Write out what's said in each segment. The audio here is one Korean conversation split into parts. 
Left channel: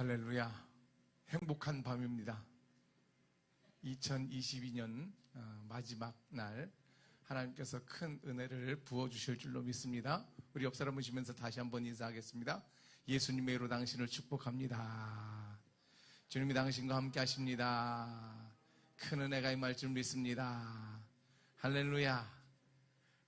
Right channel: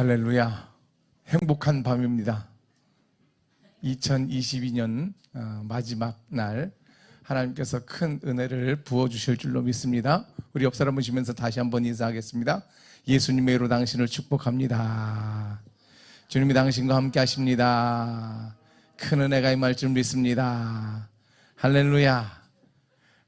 할렐루야. 행복한 밤입니다. 2022년 마지막 날 하나님께서 큰 은혜를 부어주실 줄로 믿습니다. 우리 옆 사람 보시면서 다시 한번 인사하겠습니다. 예수님의 이로 당신을 축복합니다. 주님이 당신과 함께 하십니다. 큰 은혜가 임할 줄 믿습니다. 할렐루야.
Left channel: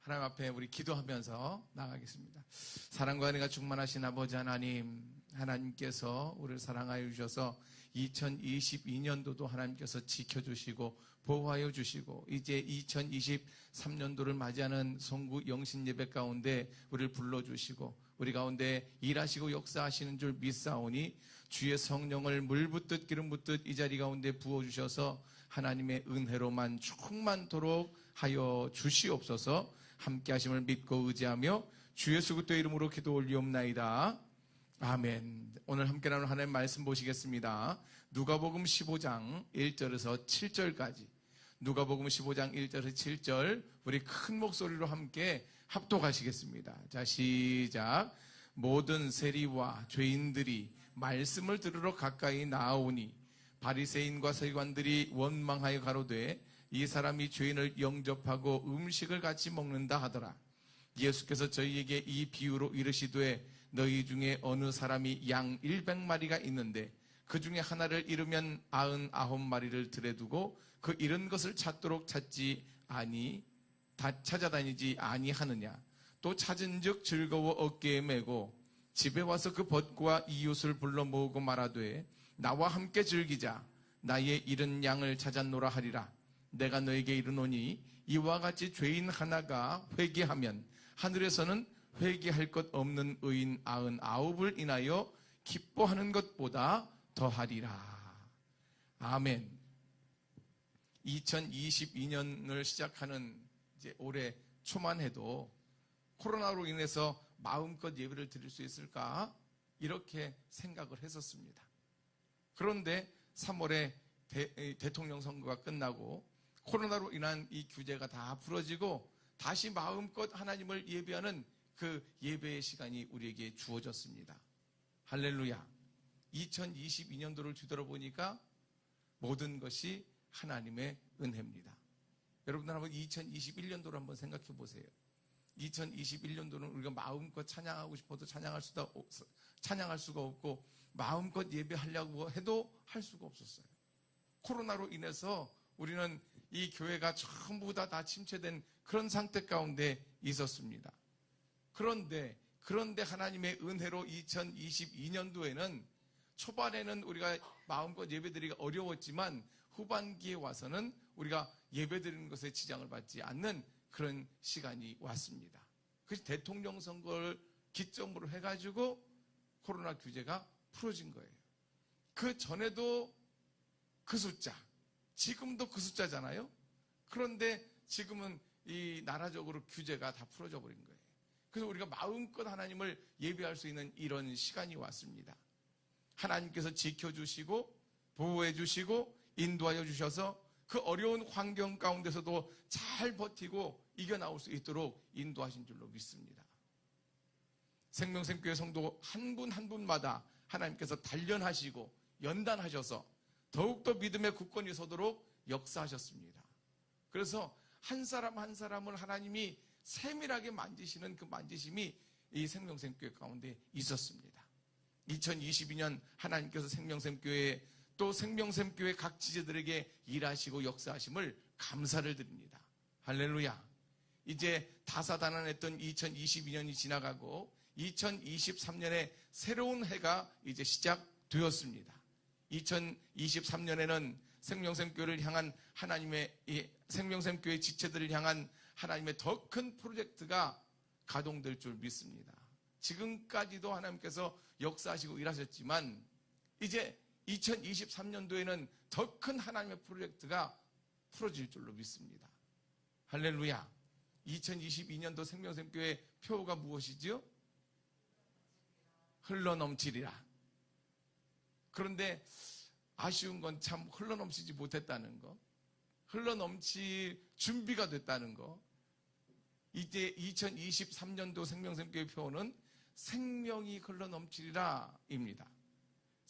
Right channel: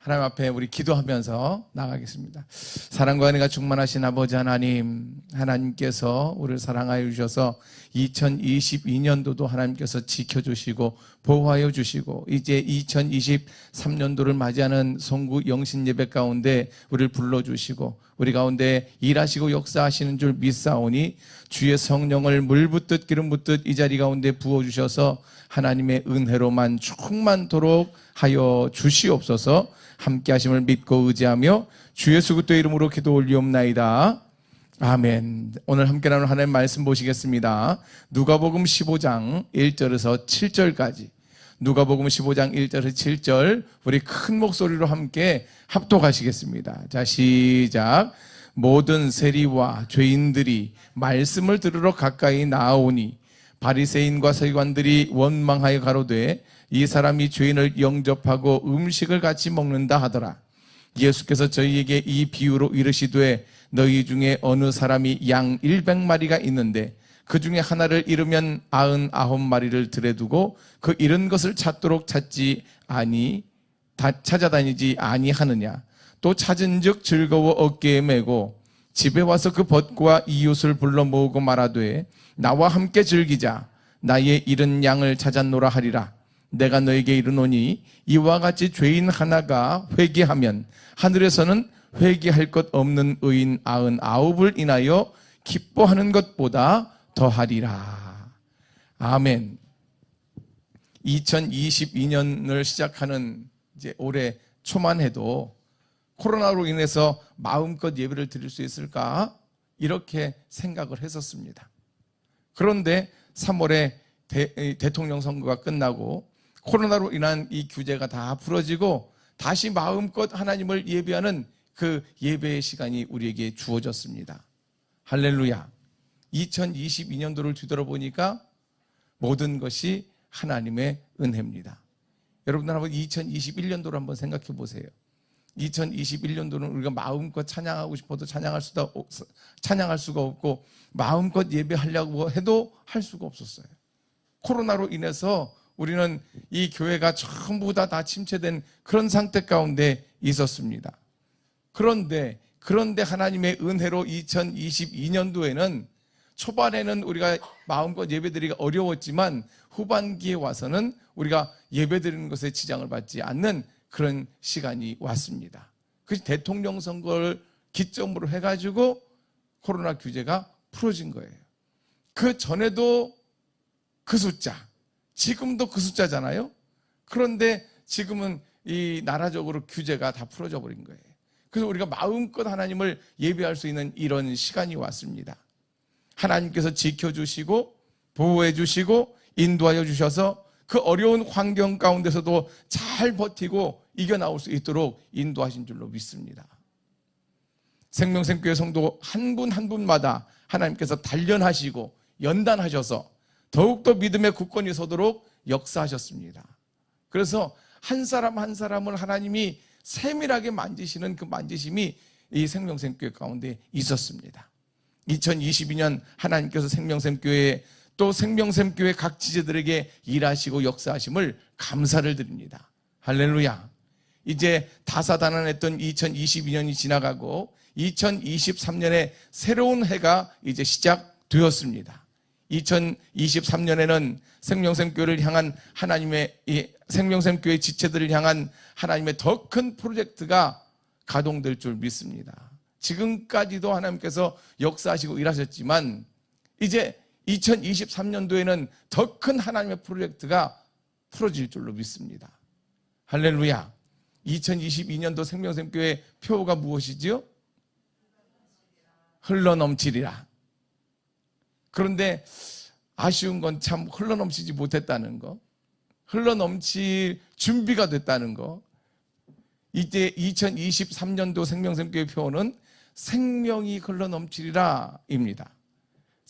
하나님 앞에 우리 기도하면서 나가겠습니다. 사랑과 은혜가 충만하신 아버지 하나님, 하나님께서 우리를 사랑하여 주셔서 2022년도도 하나님께서 지켜주시고 보호하여 주시고 이제 2023년도를 맞이하는 송구 영신 예배 가운데 우리를 불러주시고 우리 가운데 일하시고 역사하시는 줄 믿사오니 주의 성령을 물 붓듯 기름 붓듯 이 자리 가운데 부어주셔서 하나님의 은혜로만 충만토록 하여 주시옵소서. 함께 하심을 믿고 의지하며 주 예수 그리스도의 이름으로 기도 올리옵나이다. 아멘. 오늘 함께 나눌 하나님의 말씀 보시겠습니다. 누가복음 15장 1절에서 7절까지. 누가복음 15장 1절에서 7절 우리 큰 목소리로 함께 합독하시겠습니다. 자, 시작. 모든 세리와 죄인들이 말씀을 들으러 가까이 나아오니 바리새인과 서기관들이 원망하여 가로되 이 사람이 죄인을 영접하고 음식을 같이 먹는다 하더라. 예수께서 저희에게 이 비유로 이르시되 너희 중에 어느 사람이 양 100마리가 있는데 그 중에 하나를 잃으면 99마리를 들에 두고 그 잃은 것을 찾도록 찾아다니지 아니하느냐. 또 찾은즉 즐거워 어깨에 메고 집에 와서 그 벗과 이웃을 불러 모으고 말하되 나와 함께 즐기자. 나의 잃은 양을 찾았노라 하리라. 내가 너에게 이르노니 이와 같이 죄인 하나가 회개하면 하늘에서는 회개할 것 없는 의인 99을 인하여 기뻐하는 것보다 더하리라. 아멘. 2022년을 시작하는 이제 올해 초만 해도 코로나로 인해서 마음껏 예배를 드릴 수 있을까 이렇게 생각을 했었습니다. 그런데 3월에 대통령 선거가 끝나고 코로나로 인한 이 규제가 다 풀어지고 다시 마음껏 하나님을 예배하는 그 예배의 시간이 우리에게 주어졌습니다. 할렐루야. 2022년도를 뒤돌아보니까 모든 것이 하나님의 은혜입니다. 여러분들 한번 2021년도를 한번 생각해 보세요. 2021년도는 우리가 마음껏 찬양하고 싶어도 찬양할 수가 없고 마음껏 예배하려고 해도 할 수가 없었어요. 코로나로 인해서 우리는 이 교회가 전부 다 침체된 그런 상태 가운데 있었습니다. 그런데 하나님의 은혜로 2022년도에는 초반에는 우리가 마음껏 예배드리기가 어려웠지만 후반기에 와서는 우리가 예배드리는 것에 지장을 받지 않는 그런 시간이 왔습니다. 그 대통령 선거를 기점으로 해가지고 코로나 규제가 풀어진 거예요. 그 전에도 그 숫자, 지금도 그 숫자잖아요. 그런데 지금은 이 나라적으로 규제가 다 풀어져 버린 거예요. 그래서 우리가 마음껏 하나님을 예배할 수 있는 이런 시간이 왔습니다. 하나님께서 지켜주시고 보호해 주시고 인도하여 주셔서 그 어려운 환경 가운데서도 잘 버티고 이겨나올 수 있도록 인도하신 줄로 믿습니다. 생명샘교회 성도 한 분 한 분마다 하나님께서 단련하시고 연단하셔서 더욱더 믿음의 굳건히 서도록 역사하셨습니다. 그래서 한 사람 한 사람을 하나님이 세밀하게 만지시는 그 만지심이 이 생명샘교회 가운데 있었습니다. 2022년 하나님께서 생명샘교회 또 생명샘교회 각 지체들에게 일하시고 역사하심을 감사를 드립니다. 할렐루야. 이제 다사다난했던 2022년이 지나가고 2023년에 새로운 해가 이제 시작되었습니다. 2023년에는 생명샘교회를 향한 하나님의 생명샘교회 지체들을 향한 하나님의 더 큰 프로젝트가 가동될 줄 믿습니다. 지금까지도 하나님께서 역사하시고 일하셨지만 이제 2023년도에는 더 큰 하나님의 프로젝트가 풀어질 줄로 믿습니다. 할렐루야. 2022년도 생명샘교회 표어가 무엇이지요? 흘러넘치리라. 그런데 아쉬운 건 참 흘러넘치지 못했다는 거, 흘러넘칠 준비가 됐다는 거. 이제 2023년도 생명샘교회 표어는 생명이 흘러넘치리라 입니다.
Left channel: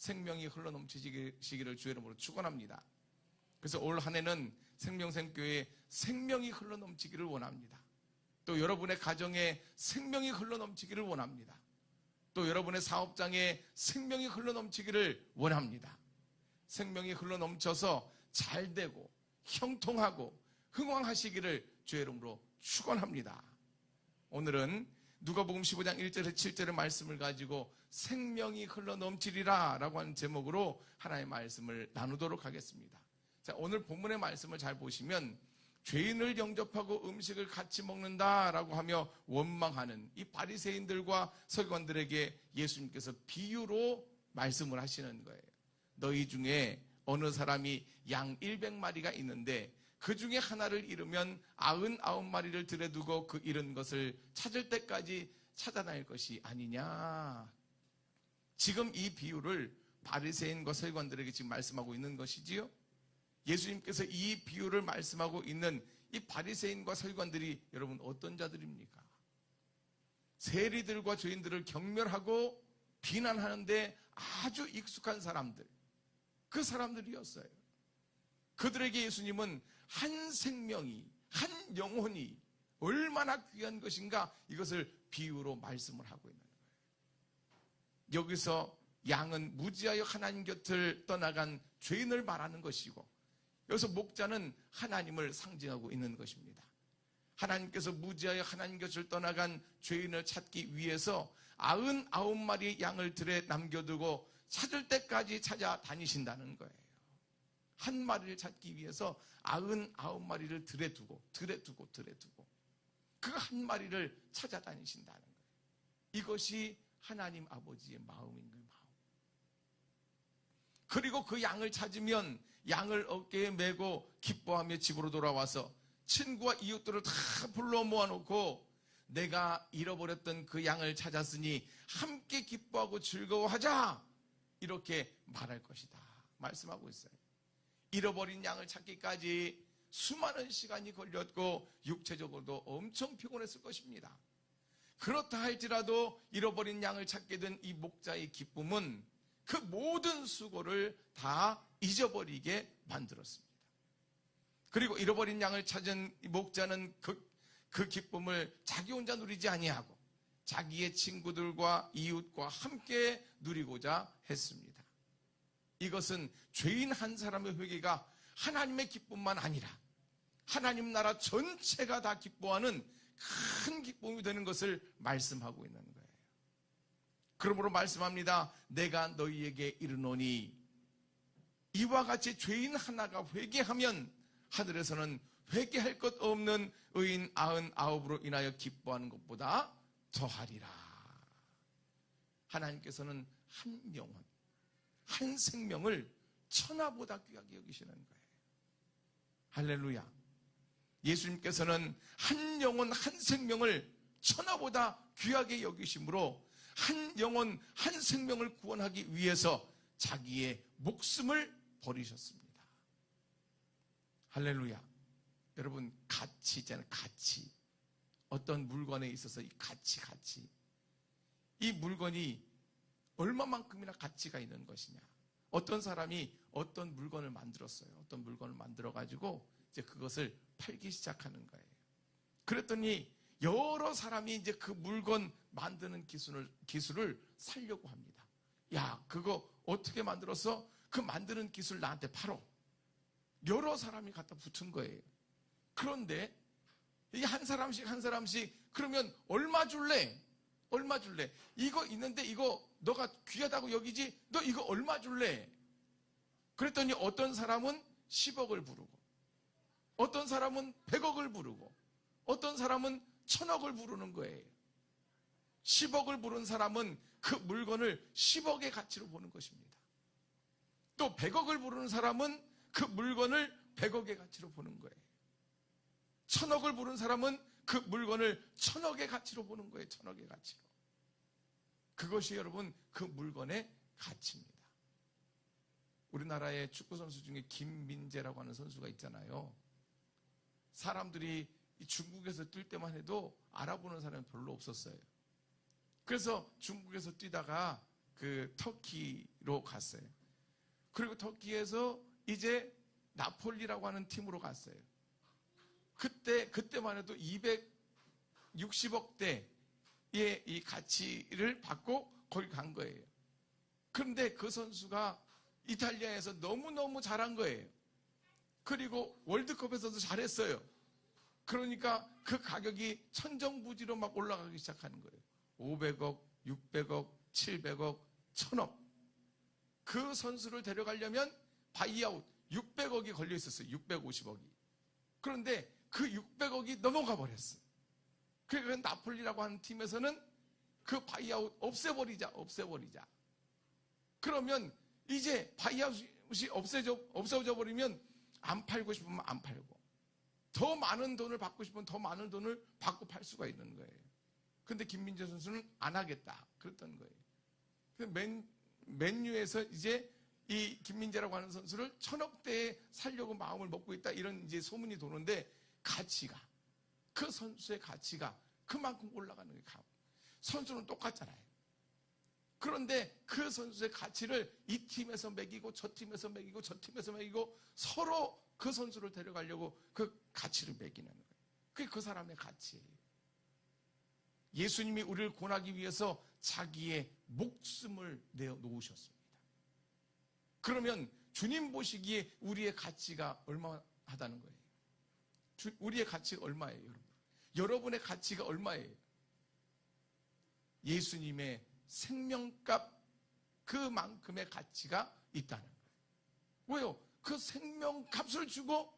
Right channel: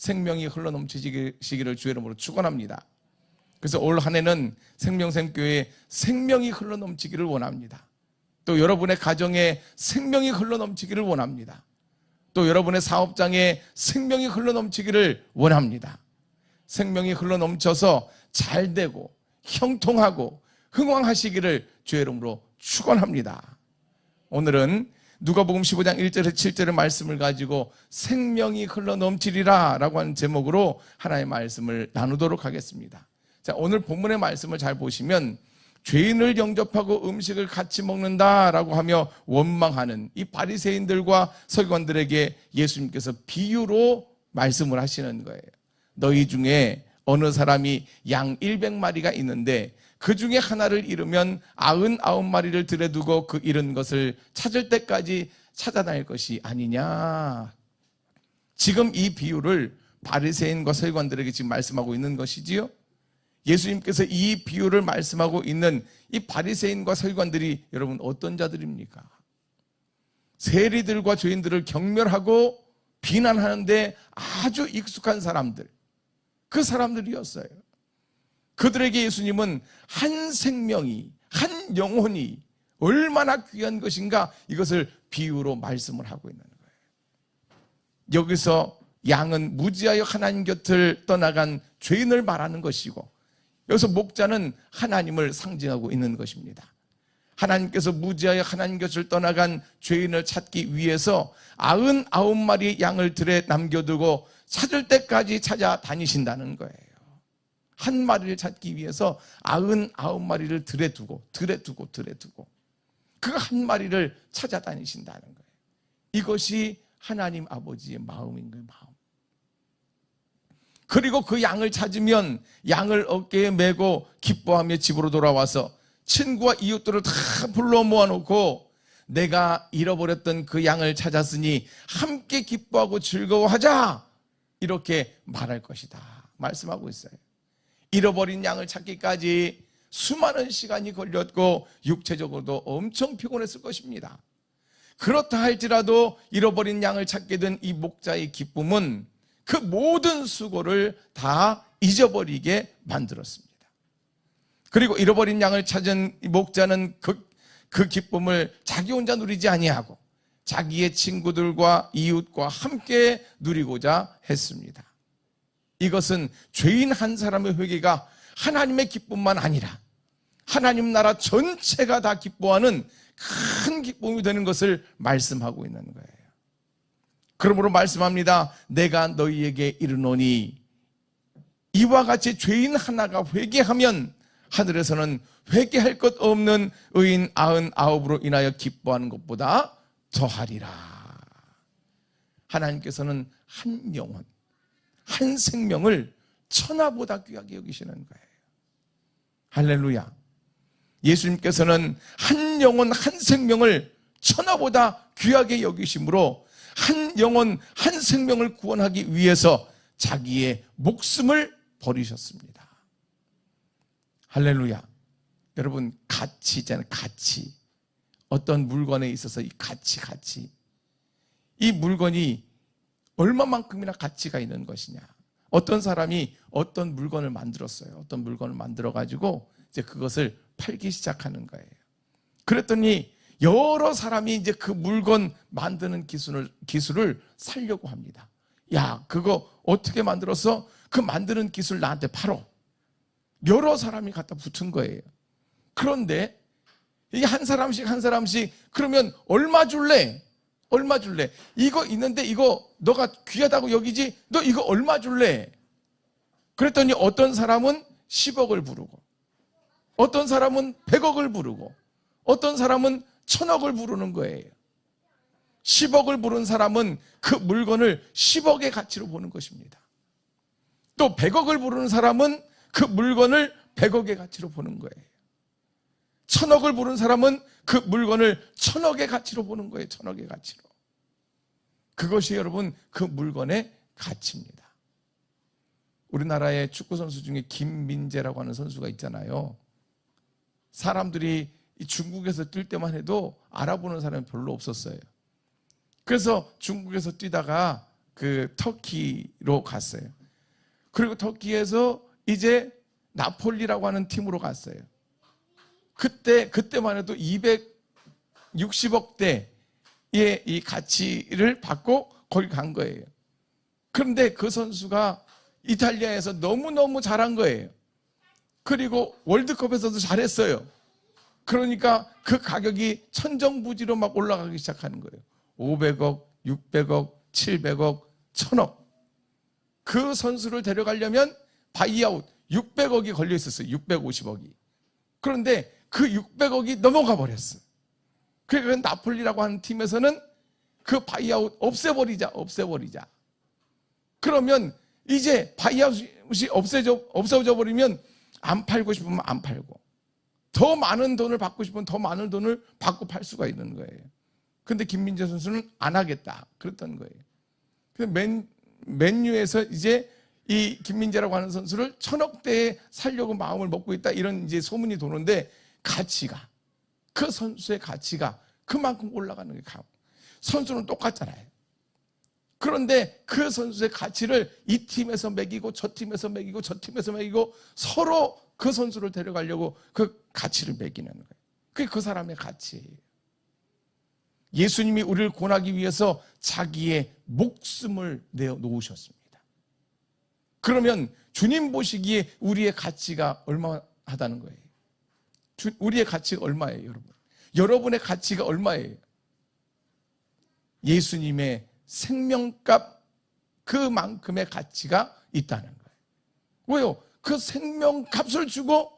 생명이 흘러넘치시기를 주의 이름으로 축원합니다. 그래서 올 한 해는 생명샘교회에 생명이 흘러넘치기를 원합니다. 또 여러분의 가정에 생명이 흘러넘치기를 원합니다. 또 여러분의 사업장에 생명이 흘러넘치기를 원합니다. 생명이 흘러넘쳐서 잘되고 형통하고 흥왕하시기를 주의 이름으로 축원합니다. 오늘은 누가복음 15장 1절에서 7절의 말씀을 가지고 생명이 흘러넘치리라 라고 하는 제목으로 하나의 말씀을 나누도록 하겠습니다. 자, 오늘 본문의 말씀을 잘 보시면 죄인을 영접하고 음식을 같이 먹는다라고 하며 원망하는 이 바리새인들과 서기관들에게 예수님께서 비유로 말씀을 하시는 거예요. 너희 중에 어느 사람이 양 100마리가 있는데 그 중에 하나를 잃으면 99마리를 들여두고 그 잃은 것을 찾을 때까지 찾아다닐 것이 아니냐. 지금 이 비유를 바리새인과 서기관들에게 지금 말씀하고 있는 것이지요. 예수님께서 이 비유를 말씀하고 있는 이 바리새인과 서기관들이 여러분 어떤 자들입니까? 세리들과 죄인들을 경멸하고 비난하는데 아주 익숙한 사람들, 그 사람들이었어요. 그들에게 예수님은 한 생명이, 한 영혼이 얼마나 귀한 것인가, 이것을 비유로 말씀을 하고 있는 거예요. 여기서 양은 무지하여 하나님 곁을 떠나간 죄인을 말하는 것이고, 여기서 목자는 하나님을 상징하고 있는 것입니다. 하나님께서 무지하여 하나님 곁을 떠나간 죄인을 찾기 위해서 99마리의 양을 들에 남겨두고 찾을 때까지 찾아다니신다는 거예요. 한 마리를 찾기 위해서 99마리를 들에 두고 그 한 마리를 찾아다니신다는 거예요. 이것이 하나님 아버지의 마음인 거예요. 마음. 그리고 그 양을 찾으면 양을 어깨에 메고 기뻐하며 집으로 돌아와서 친구와 이웃들을 다 불러 모아놓고 내가 잃어버렸던 그 양을 찾았으니 함께 기뻐하고 즐거워하자, 이렇게 말할 것이다 말씀하고 있어요. 잃어버린 양을 찾기까지 수많은 시간이 걸렸고 육체적으로도 엄청 피곤했을 것입니다. 그렇다 할지라도 잃어버린 양을 찾게 된 이 목자의 기쁨은 그 모든 수고를 다 잊어버리게 만들었습니다. 그리고 잃어버린 양을 찾은 이 목자는 그 기쁨을 자기 혼자 누리지 아니하고 자기의 친구들과 이웃과 함께 누리고자 했습니다. 이것은 죄인 한 사람의 회개가 하나님의 기쁨만 아니라 하나님 나라 전체가 다 기뻐하는 큰 기쁨이 되는 것을 말씀하고 있는 거예요. 그러므로 말씀합니다. 내가 너희에게 이르노니 이와 같이 죄인 하나가 회개하면 하늘에서는 회개할 것 없는 의인 99으로 인하여 기뻐하는 것보다 더하리라. 하나님께서는 한 영혼, 한 생명을 천하보다 귀하게 여기시는 거예요. 할렐루야. 예수님께서는 한 영혼, 한 생명을 천하보다 귀하게 여기심으로 한 영혼, 한 생명을 구원하기 위해서 자기의 목숨을 버리셨습니다. 할렐루야. 여러분, 가치 있잖아요. 가치. 어떤 물건에 있어서 이 가치. 이 물건이 얼마만큼이나 가치가 있는 것이냐. 어떤 사람이 어떤 물건을 만들었어요. 어떤 물건을 만들어가지고 이제 그것을 팔기 시작하는 거예요. 그랬더니 여러 사람이 이제 그 물건 만드는 기술을 살려고 합니다. 야, 그거 어떻게 만들었어? 그 만드는 기술 나한테 팔어. 여러 사람이 갖다 붙은 거예요. 그런데 이게 한 사람씩 그러면 얼마 줄래? 이거 있는데 이거 너가 귀하다고 여기지? 너 이거 얼마 줄래? 그랬더니 어떤 사람은 10억을 부르고 어떤 사람은 100억을 부르고 어떤 사람은 1000억을 부르는 거예요. 10억을 부른 사람은 그 물건을 10억의 가치로 보는 것입니다. 또 100억을 부르는 사람은 그 물건을 100억의 가치로 보는 거예요. 1000억을 부른 사람은 그 물건을 1000억의 가치로 보는 거예요. 1000억의 가치로. 그것이 여러분 그 물건의 가치입니다. 우리나라의 축구선수 중에 김민재라고 하는 선수가 있잖아요. 사람들이 중국에서 뛸 때만 해도 알아보는 사람이 별로 없었어요. 그래서 중국에서 뛰다가 그 터키로 갔어요. 그리고 터키에서 이제 나폴리라고 하는 팀으로 갔어요. 그때만 해도 260억 대의 이 가치를 받고 거기 간 거예요. 그런데 그 선수가 이탈리아에서 너무너무 잘한 거예요. 그리고 월드컵에서도 잘했어요. 그러니까 그 가격이 천정부지로 막 올라가기 시작하는 거예요. 500억, 600억, 700억, 1000억. 그 선수를 데려가려면 바이아웃 600억이 걸려 있었어요. 650억이. 그런데 그 600억이 넘어가 버렸어. 그러니까 나폴리라고 하는 팀에서는 그 바이아웃 없애버리자. 그러면 이제 바이아웃이 없어져 버리면 안 팔고 싶으면 안 팔고, 더 많은 돈을 받고 싶으면 더 많은 돈을 받고 팔 수가 있는 거예요. 근데 김민재 선수는 안 하겠다 그랬던 거예요. 그래서 맨유에서 이제 이 김민재라고 하는 선수를 1000억대에 살려고 마음을 먹고 있다, 이런 이제 소문이 도는데, 가치가, 그 선수의 가치가 그만큼 올라가는 거예요. 선수는 똑같잖아요. 그런데 그 선수의 가치를 이 팀에서 매기고 저 팀에서 매기고 저 팀에서 매기고 서로 그 선수를 데려가려고 그 가치를 매기는 거예요. 그게 그 사람의 가치예요. 예수님이 우리를 구원하기 위해서 자기의 목숨을 내어 놓으셨습니다. 그러면 주님 보시기에 우리의 가치가 얼마하다는 거예요? 우리의 가치가 얼마예요, 여러분? 여러분의 가치가 얼마예요? 예수님의 생명값 그만큼의 가치가 있다는 거예요. 왜요? 그 생명값을 주고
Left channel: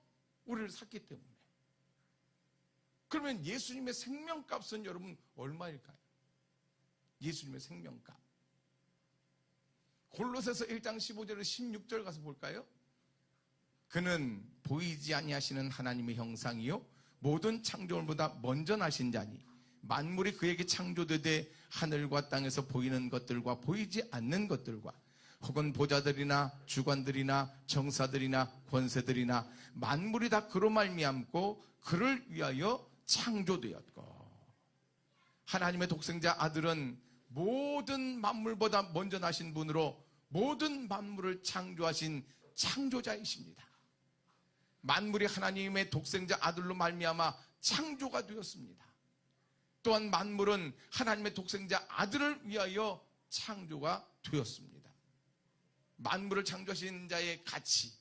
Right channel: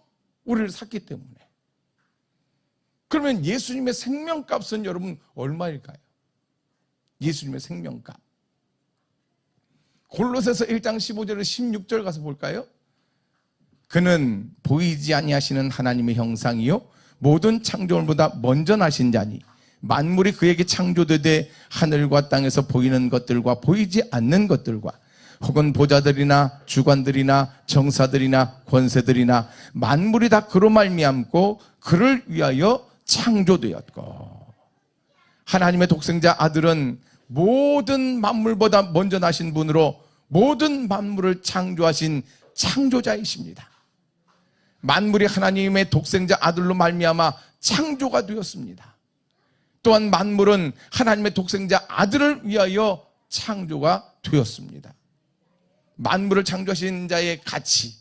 우리를 샀기 때문에. 그러면 예수님의 생명값은 여러분 얼마일까요? 예수님의 생명값. 골로새서 1장 15절에서 16절 가서 볼까요? 그는 보이지 아니하시는 하나님의 형상이요 모든 창조물보다 먼저 나신 자니 만물이 그에게 창조되되 하늘과 땅에서 보이는 것들과 보이지 않는 것들과 혹은 보좌들이나 주관들이나 정사들이나 권세들이나 만물이 다 그로 말미암고 그를 위하여 창조되었고, 하나님의 독생자 아들은 모든 만물보다 먼저 나신 분으로 모든 만물을 창조하신 창조자이십니다. 만물이 하나님의 독생자 아들로 말미암아 창조가 되었습니다. 또한 만물은 하나님의 독생자 아들을 위하여 창조가 되었습니다. 만물을 창조하신 자의 가치,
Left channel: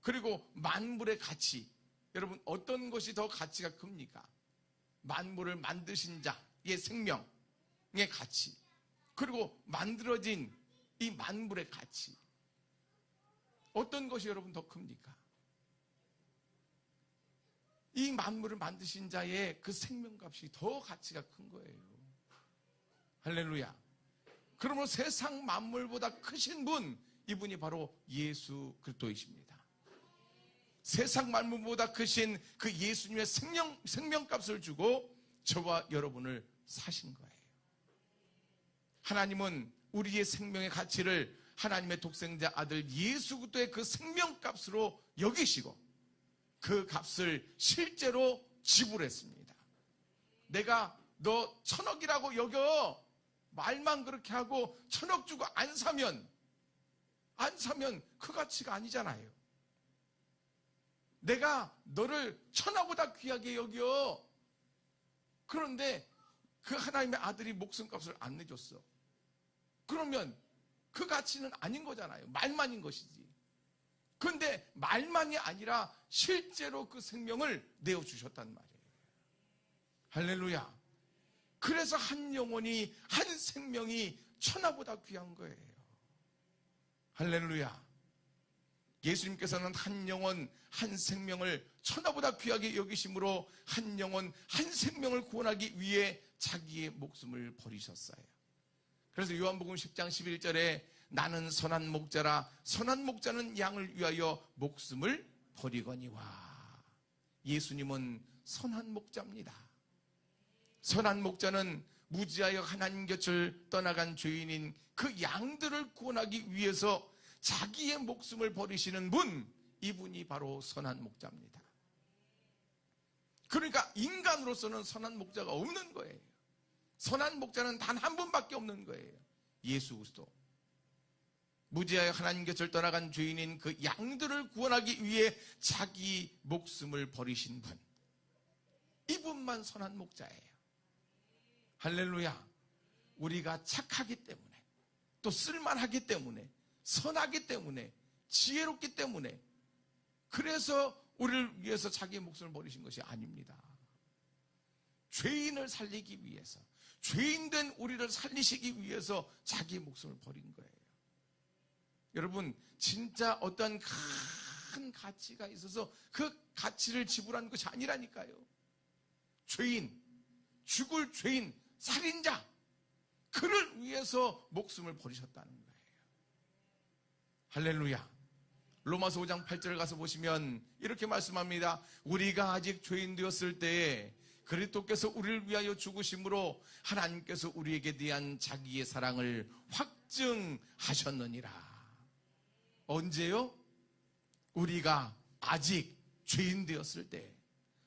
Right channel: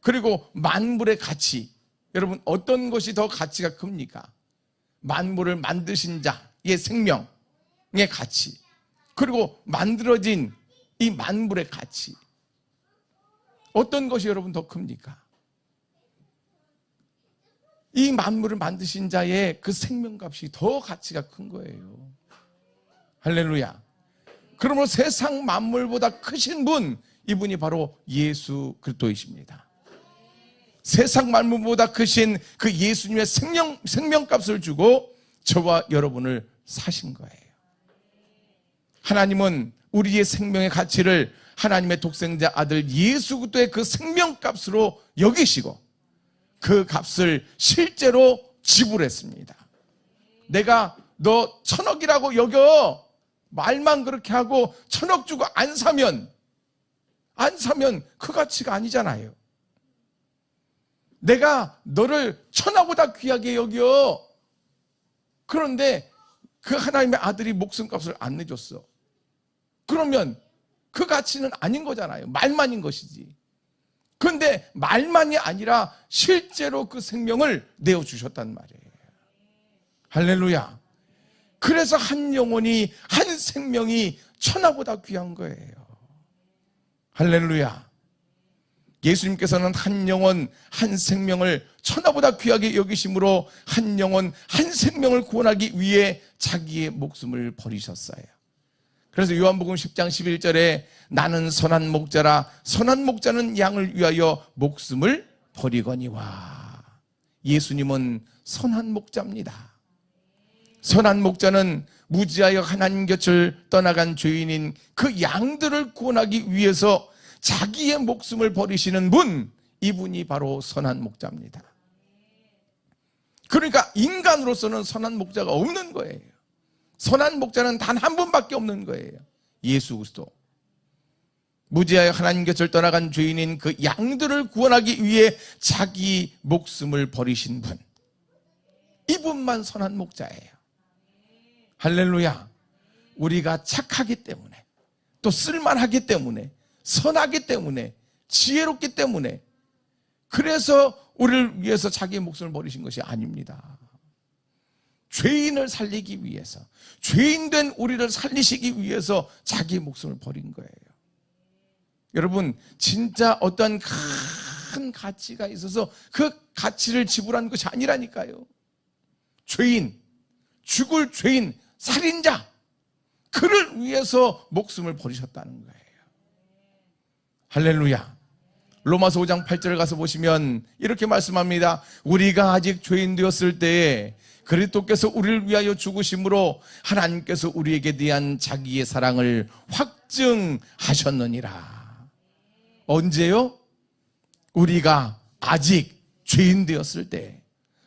그리고 만물의 가치, 여러분 어떤 것이 더 가치가 큽니까? 만물을 만드신 자의 생명의 가치, 그리고 만들어진 이 만물의 가치, 어떤 것이 여러분 더 큽니까? 이 만물을 만드신 자의 그 생명값이 더 가치가 큰 거예요. 할렐루야. 그러므로 세상 만물보다 크신 분, 이분이 바로 예수 그리스도이십니다. 세상 만물보다 크신 그 예수님의 생명값을 주고 저와 여러분을 사신 거예요. 하나님은 우리의 생명의 가치를 하나님의 독생자 아들 예수 그리스도의 그 생명값으로 여기시고 그 값을 실제로 지불했습니다. 내가 너 1000억이라고 여겨, 말만 그렇게 하고 1000억 주고 안 사면 그 가치가 아니잖아요. 내가 너를 천하보다 귀하게 여겨, 그런데 그 하나님의 아들이 목숨값을 안 내줬어, 그러면 그 가치는 아닌 거잖아요. 말만인 것이지. 그런데 말만이 아니라 실제로 그 생명을 내어주셨단 말이에요. 할렐루야. 그래서 한 영혼이, 한 생명이 천하보다 귀한 거예요. 할렐루야. 예수님께서는 한 영혼, 한 생명을 천하보다 귀하게 여기심으로 한 영혼, 한 생명을 구원하기 위해 자기의 목숨을 버리셨어요. 그래서 요한복음 10장 11절에 나는 선한 목자라, 선한 목자는 양을 위하여 목숨을 버리거니와. 예수님은 선한 목자입니다. 선한 목자는 무지하여 하나님 곁을 떠나간 죄인인 그 양들을 구원하기 위해서 자기의 목숨을 버리시는 분, 이분이 바로 선한 목자입니다. 그러니까 인간으로서는 선한 목자가 없는 거예요. 선한 목자는 단 한 분밖에 없는 거예요. 예수 그리스도, 무지하여 하나님 곁을 떠나간 죄인인 그 양들을 구원하기 위해 자기 목숨을 버리신 분, 이분만 선한 목자예요. 할렐루야. 우리가 착하기 때문에, 또 쓸만하기 때문에, 선하기 때문에, 지혜롭기 때문에, 그래서 우리를 위해서 자기의 목숨을 버리신 것이 아닙니다. 죄인을 살리기 위해서, 죄인된 우리를 살리시기 위해서 자기의 목숨을 버린 거예요. 여러분, 진짜 어떤 큰 가치가 있어서 그 가치를 지불한 것이 아니라니까요. 죄인, 죽을 죄인, 살인자, 그를 위해서 목숨을 버리셨다는 거예요. 할렐루야. 로마서 5장 8절을 가서 보시면 이렇게 말씀합니다. 우리가 아직 죄인 되었을 때에 그리스도께서 우리를 위하여 죽으심으로 하나님께서 우리에게 대한 자기의 사랑을 확증하셨느니라. 언제요? 우리가 아직 죄인 되었을 때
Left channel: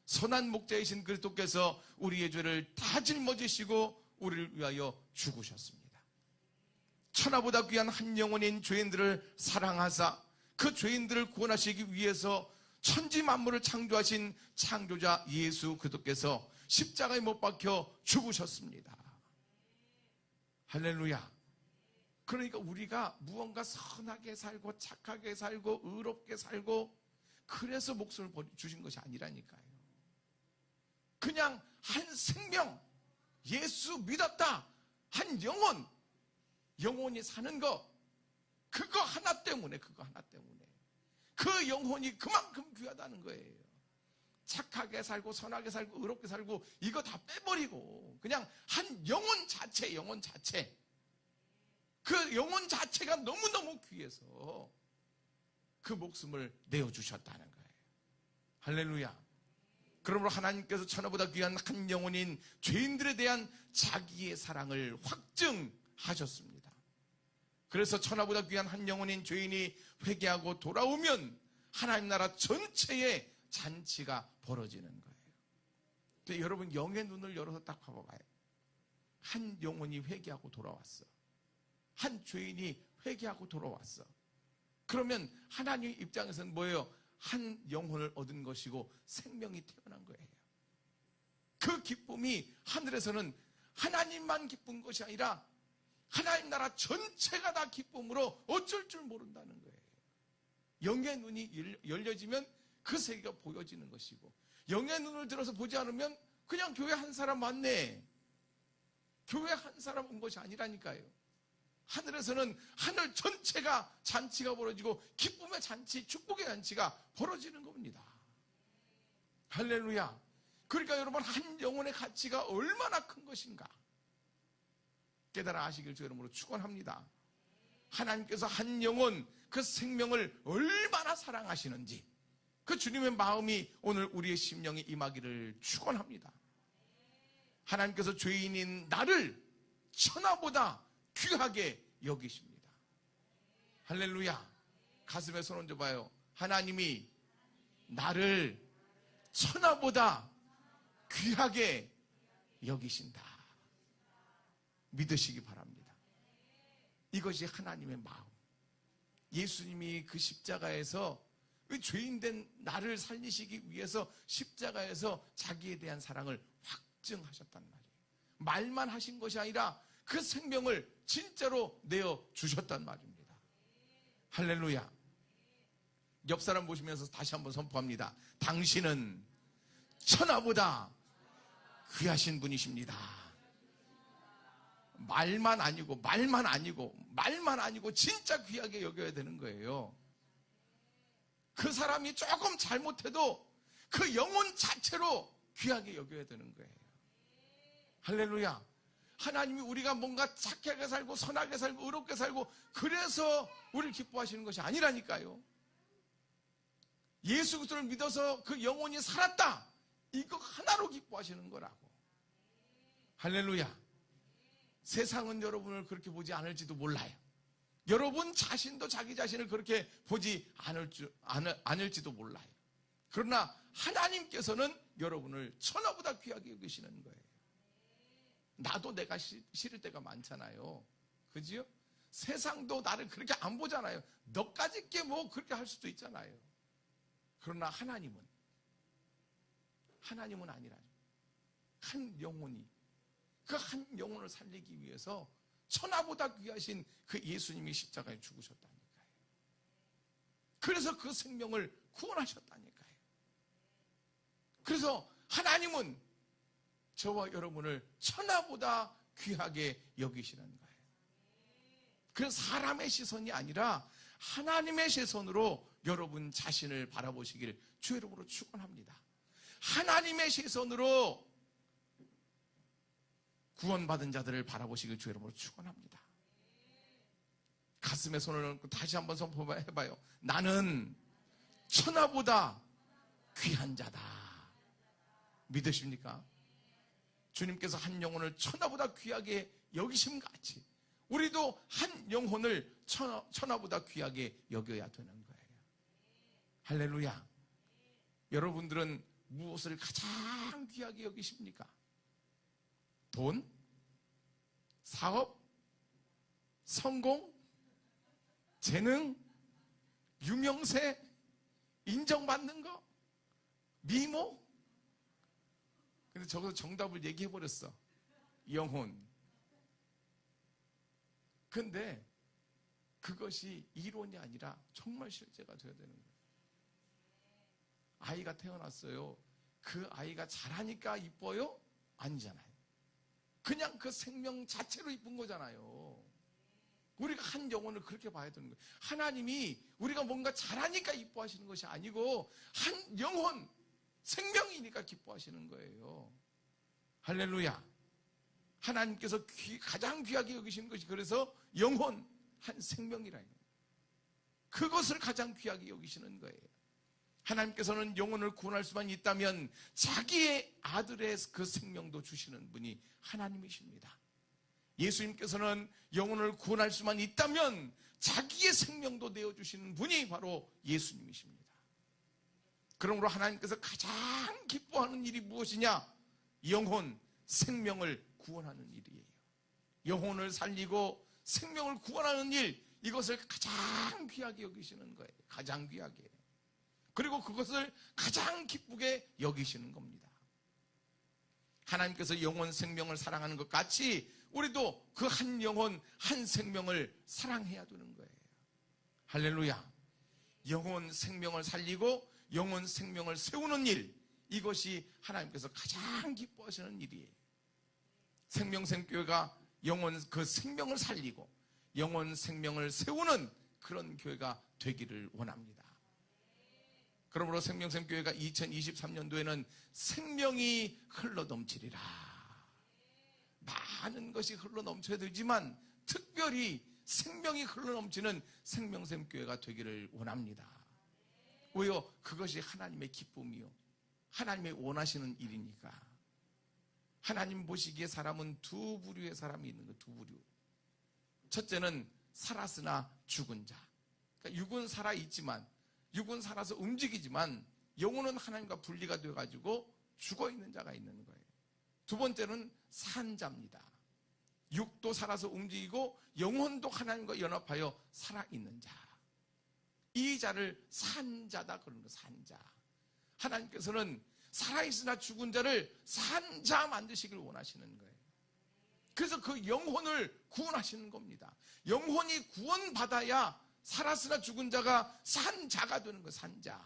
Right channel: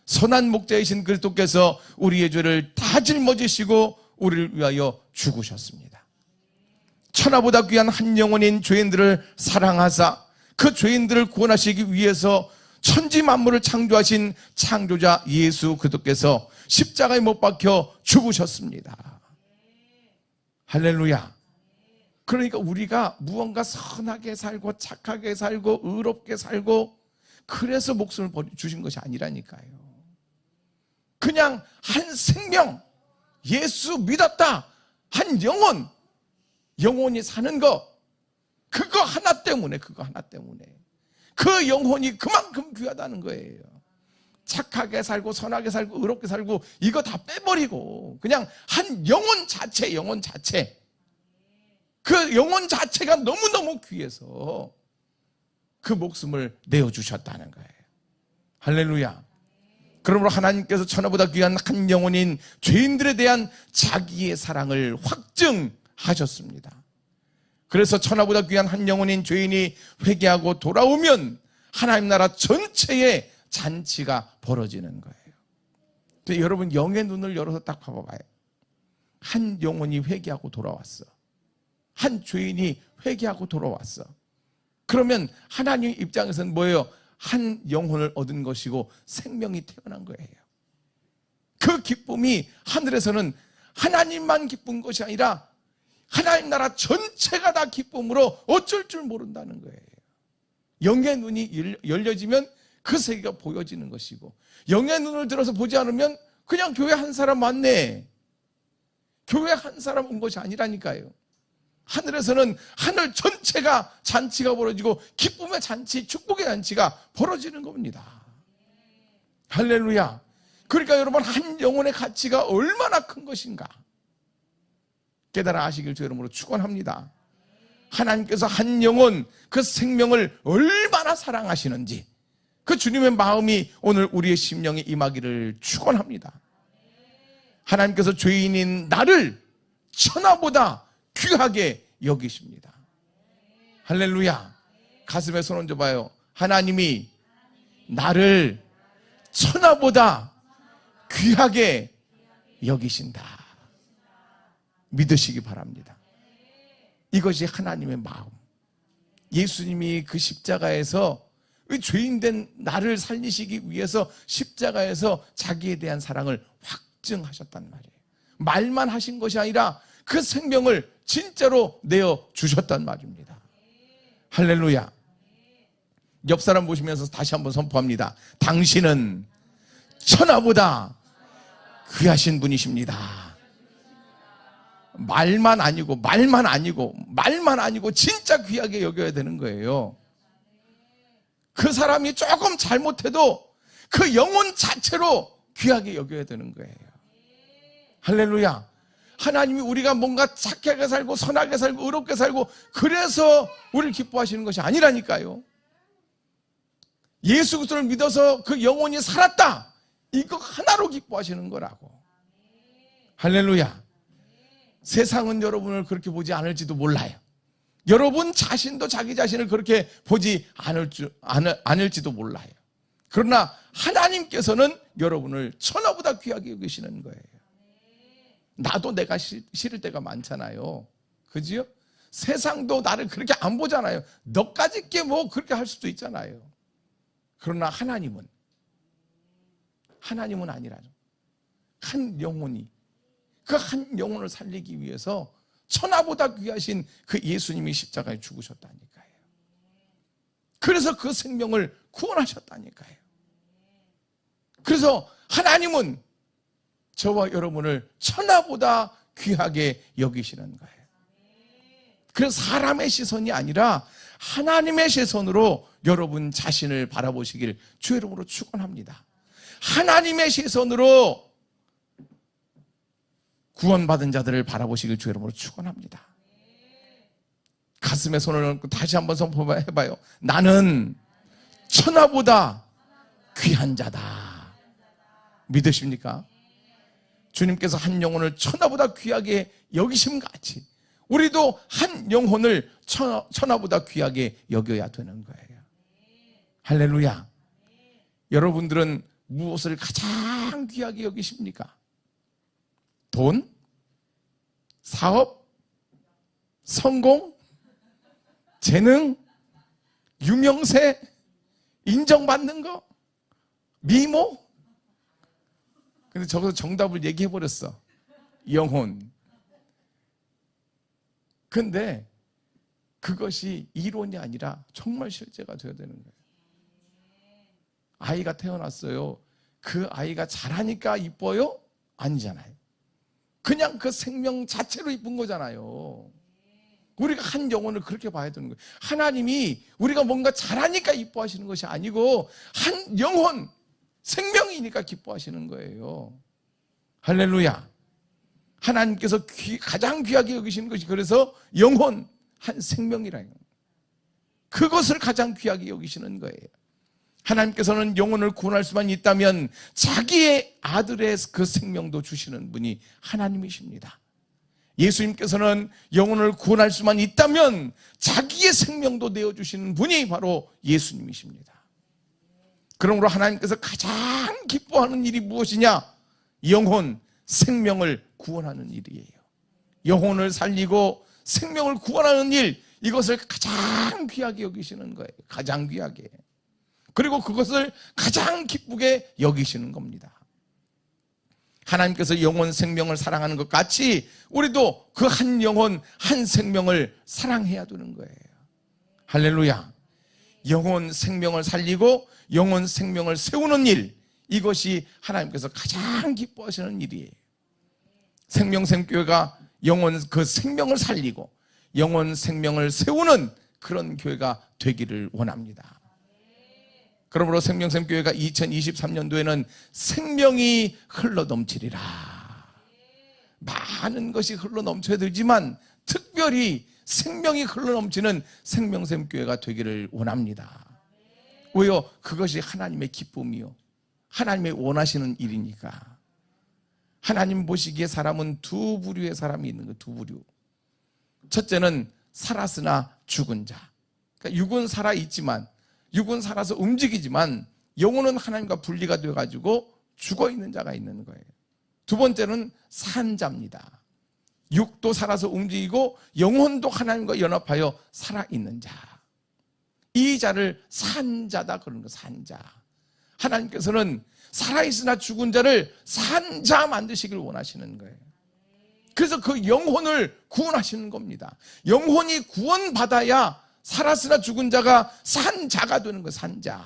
선한 목자이신 그리스도께서 우리의 죄를 다 짊어지시고 우리를 위하여 죽으셨습니다. 천하보다 귀한 한 영혼인 죄인들을 사랑하사 그 죄인들을 구원하시기 위해서 천지 만물을 창조하신 창조자 예수 그리스도께서 십자가에 못 박혀 죽으셨습니다. 할렐루야. 그러니까 우리가 무언가 선하게 살고 착하게 살고 의롭게 살고 그래서 목숨을 주신 것이 아니라니까요. 그냥 한 생명, 예수 믿었다, 한 영혼이 사는 거, 그거 하나 때문에 그 영혼이 그만큼 귀하다는 거예요. 착하게 살고 선하게 살고 의롭게 살고 이거 다 빼버리고 그냥 한 영혼 자체, 그 영혼 자체가 너무너무 귀해서 그 목숨을 내어주셨다는 거예요. 할렐루야. 그러므로 하나님께서 천하보다 귀한 한 영혼인 죄인들에 대한 자기의 사랑을 확증하셨습니다. 그래서 천하보다 귀한 한 영혼인 죄인이 회개하고 돌아오면 하나님 나라 전체의 잔치가 벌어지는 거예요. 근데 여러분, 영의 눈을 열어서 딱 봐봐요. 한 영혼이 회개하고 돌아왔어. 한 죄인이 회개하고 돌아왔어. 그러면 하나님 입장에서는 뭐예요? 한 영혼을 얻은 것이고 생명이 태어난 거예요. 그 기쁨이 하늘에서는 하나님만 기쁜 것이 아니라 하나님 나라 전체가 다 기쁨으로 어쩔 줄 모른다는 거예요. 영의 눈이 열려지면 그 세계가 보여지는 것이고, 영의 눈을 들어서 보지 않으면 그냥 교회 한 사람 왔네, 교회 한 사람 온 것이 아니라니까요. 하늘에서는 하늘 전체가 잔치가 벌어지고 기쁨의 잔치, 축복의 잔치가 벌어지는 겁니다. 할렐루야. 그러니까 여러분, 한 영혼의 가치가 얼마나 큰 것인가 깨달아 아시길 주 이름으로 축원합니다. 하나님께서 한 영혼, 그 생명을 얼마나 사랑하시는지 그 주님의 마음이 오늘 우리의 심령에 임하기를 축원합니다. 하나님께서 죄인인 나를 천하보다 귀하게 여기십니다. 할렐루야. 가슴에 손 얹어봐요. 하나님이 나를 천하보다 귀하게 여기신다. 믿으시기 바랍니다. 이것이 하나님의 마음. 예수님이 그 십자가에서 죄인된 나를 살리시기 위해서 십자가에서 자기에 대한 사랑을 확증하셨단 말이에요. 말만 하신 것이 아니라 그 생명을 진짜로 내어주셨단 말입니다. 할렐루야. 옆 사람 보시면서 다시 한번 선포합니다. 당신은 천하보다 귀하신 분이십니다. 말만 아니고 진짜 귀하게 여겨야 되는 거예요. 그 사람이 조금 잘못해도 그 영혼 자체로 귀하게 여겨야 되는 거예요. 할렐루야. 하나님이 우리가 뭔가 착하게 살고 선하게 살고 의롭게 살고 그래서 우리를 기뻐하시는 것이 아니라니까요. 예수 그리스도를 믿어서 그 영혼이 살았다, 이거 하나로 기뻐하시는 거라고. 할렐루야. 세상은 여러분을 그렇게 보지 않을지도 몰라요. 여러분 자신도 자기 자신을 그렇게 보지 않을지도 몰라요. 그러나 하나님께서는 여러분을 천하보다 귀하게 여기시는 거예요. 나도 내가 싫을 때가 많잖아요. 그지요? 세상도 나를 그렇게 안 보잖아요. 너까지 게 뭐 그렇게 할 수도 있잖아요. 그러나 하나님은 아니라죠. 한 영혼이, 그 한 영혼을 살리기 위해서 천하보다 귀하신 그 예수님이 십자가에 죽으셨다니까요. 그래서 그 생명을 구원하셨다니까요. 그래서 하나님은 저와 여러분을 천하보다 귀하게 여기시는 거예요. 그래서 사람의 시선이 아니라 하나님의 시선으로 여러분 자신을 바라보시길 주의 이름으로 축원합니다. 하나님의 시선으로 구원받은 자들을 바라보시길 주의 이름으로 축원합니다. 가슴에 손을 얹고 다시 한번 선포해봐요. 나는 천하보다 귀한 자다. 믿으십니까? 주님께서 한 영혼을 천하보다 귀하게 여기심 같이 우리도 한 영혼을 천하보다 귀하게 여겨야 되는 거예요. 할렐루야. 여러분들은 무엇을 가장 귀하게 여기십니까? 돈? 사업? 성공? 재능? 유명세? 인정받는 거? 미모? 근데 저기서 정답을 얘기해버렸어. 영혼. 근데 그것이 이론이 아니라 정말 실제가 되어야 되는 거예요. 아이가 태어났어요. 그 아이가 잘하니까 이뻐요? 아니잖아요. 그냥 그 생명 자체로 이쁜 거잖아요. 우리가 한 영혼을 그렇게 봐야 되는 거예요. 하나님이 우리가 뭔가 잘하니까 이뻐하시는 것이 아니고 한 영혼, 생명이니까 기뻐하시는 거예요. 할렐루야. 하나님께서 가장 귀하게 여기시는 것이 그래서 영혼, 한 생명이라는 거예요. 그것을 가장 귀하게 여기시는 거예요. 하나님께서는 영혼을 구원할 수만 있다면 자기의 아들의 그 생명도 주시는 분이 하나님이십니다. 예수님께서는 영혼을 구원할 수만 있다면 자기의 생명도 내어주시는 분이 바로 예수님이십니다. 그러므로 하나님께서 가장 기뻐하는 일이 무엇이냐? 영혼, 생명을 구원하는 일이에요. 영혼을 살리고 생명을 구원하는 일, 이것을 가장 귀하게 여기시는 거예요. 가장 귀하게. 그리고 그것을 가장 기쁘게 여기시는 겁니다. 하나님께서 영혼, 생명을 사랑하는 것 같이 우리도 그 한 영혼, 한 생명을 사랑해야 되는 거예요. 할렐루야. 영혼, 생명을 살리고 영혼, 생명을 세우는 일, 이것이 하나님께서 가장 기뻐하시는 일이에요. 생명샘교회가 영혼, 그 생명을 살리고 영혼, 생명을 세우는 그런 교회가 되기를 원합니다. 그러므로 생명샘교회가 2023년도에는 생명이 흘러넘치리라. 많은 것이 흘러넘쳐야 되지만 특별히 생명이 흘러넘치는 생명샘교회가 되기를 원합니다. 왜요? 그것이 하나님의 기쁨이요, 하나님의 원하시는 일이니까. 하나님 보시기에 사람은 두 부류의 사람이 있는 거예요. 두 부류. 첫째는 살았으나 죽은 자. 그러니까 육은 살아있지만, 육은 살아서 움직이지만 영혼은 하나님과 분리가 되어가지고 죽어있는 자가 있는 거예요. 두 번째는 산 자입니다. 육도 살아서 움직이고 영혼도 하나님과 연합하여 살아있는 자. 이 자를 산자다 그러는 거예요. 산자. 하나님께서는 살아있으나 죽은 자를 산자 만드시길 원하시는 거예요. 그래서 그 영혼을 구원하시는 겁니다. 영혼이 구원받아야 살았으나 죽은 자가 산자가 되는 거예요. 산자.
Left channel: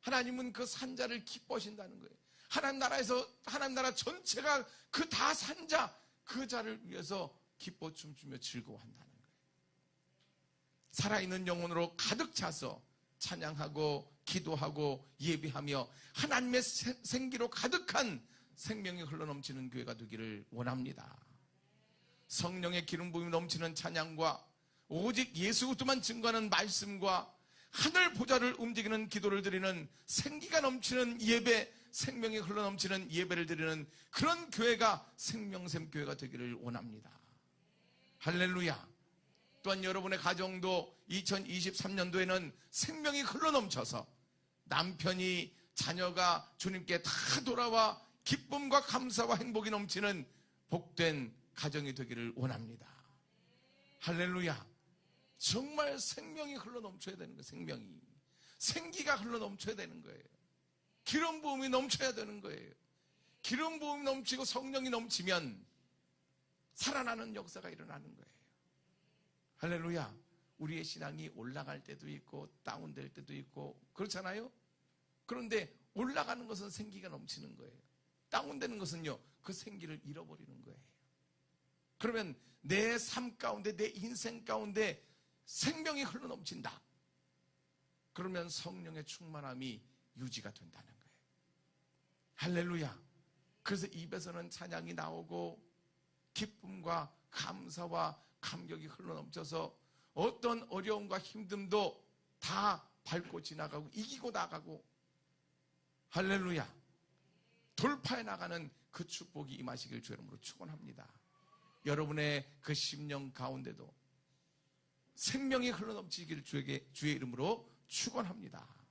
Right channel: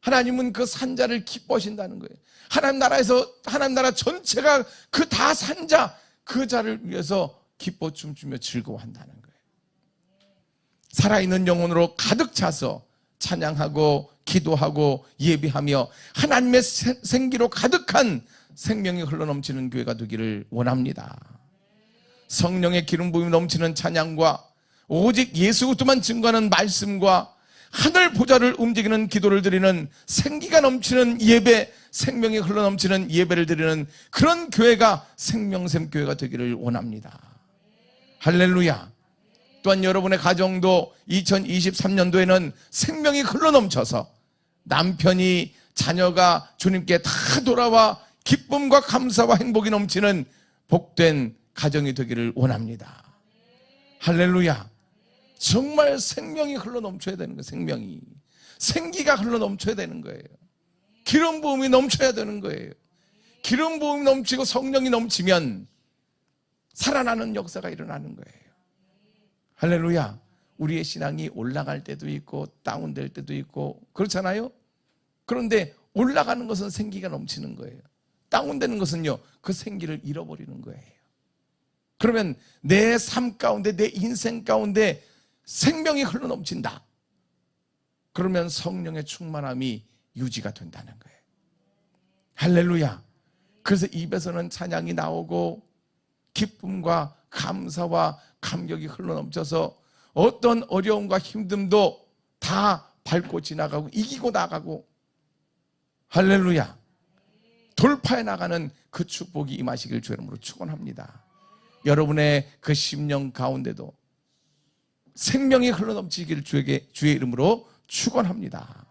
하나님은 그 산자를 기뻐하신다는 거예요. 하나님 나라에서, 하나님 나라 전체가 그 다 산자, 그 자를 위해서 기뻐 춤추며 즐거워한다는 거예요. 살아있는 영혼으로 가득 차서 찬양하고 기도하고 예배하며 하나님의 생기로 가득한 생명이 흘러넘치는 교회가 되기를 원합니다. 성령의 기름 부음이 넘치는 찬양과 오직 예수 그리스도만 증거하는 말씀과 하늘 보좌를 움직이는 기도를 드리는 생기가 넘치는 예배, 생명이 흘러넘치는 예배를 드리는 그런 교회가 생명샘 교회가 되기를 원합니다. 할렐루야. 또한 여러분의 가정도 2023년도에는 생명이 흘러넘쳐서 남편이, 자녀가 주님께 다 돌아와 기쁨과 감사와 행복이 넘치는 복된 가정이 되기를 원합니다. 할렐루야. 정말 생명이 흘러넘쳐야 되는 거예요. 생명이. 생기가 흘러넘쳐야 되는 거예요. 기름 부음이 넘쳐야 되는 거예요. 기름 부음이 넘치고 성령이 넘치면 살아나는 역사가 일어나는 거예요. 할렐루야. 우리의 신앙이 올라갈 때도 있고 다운될 때도 있고 그렇잖아요. 그런데 올라가는 것은 생기가 넘치는 거예요. 다운되는 것은요, 그 생기를 잃어버리는 거예요. 그러면 내 삶 가운데, 내 인생 가운데 생명이 흘러넘친다. 그러면 성령의 충만함이 유지가 된다는 거예요. 할렐루야. 그래서 입에서는 찬양이 나오고 기쁨과 감사와 감격이 흘러넘쳐서 어떤 어려움과 힘듦도 다 밟고 지나가고 이기고 나가고, 할렐루야, 돌파해 나가는 그 축복이 임하시길 주의 이름으로 축원합니다. 여러분의 그 심령 가운데도 생명이 흘러넘치길 주의 이름으로 축원합니다.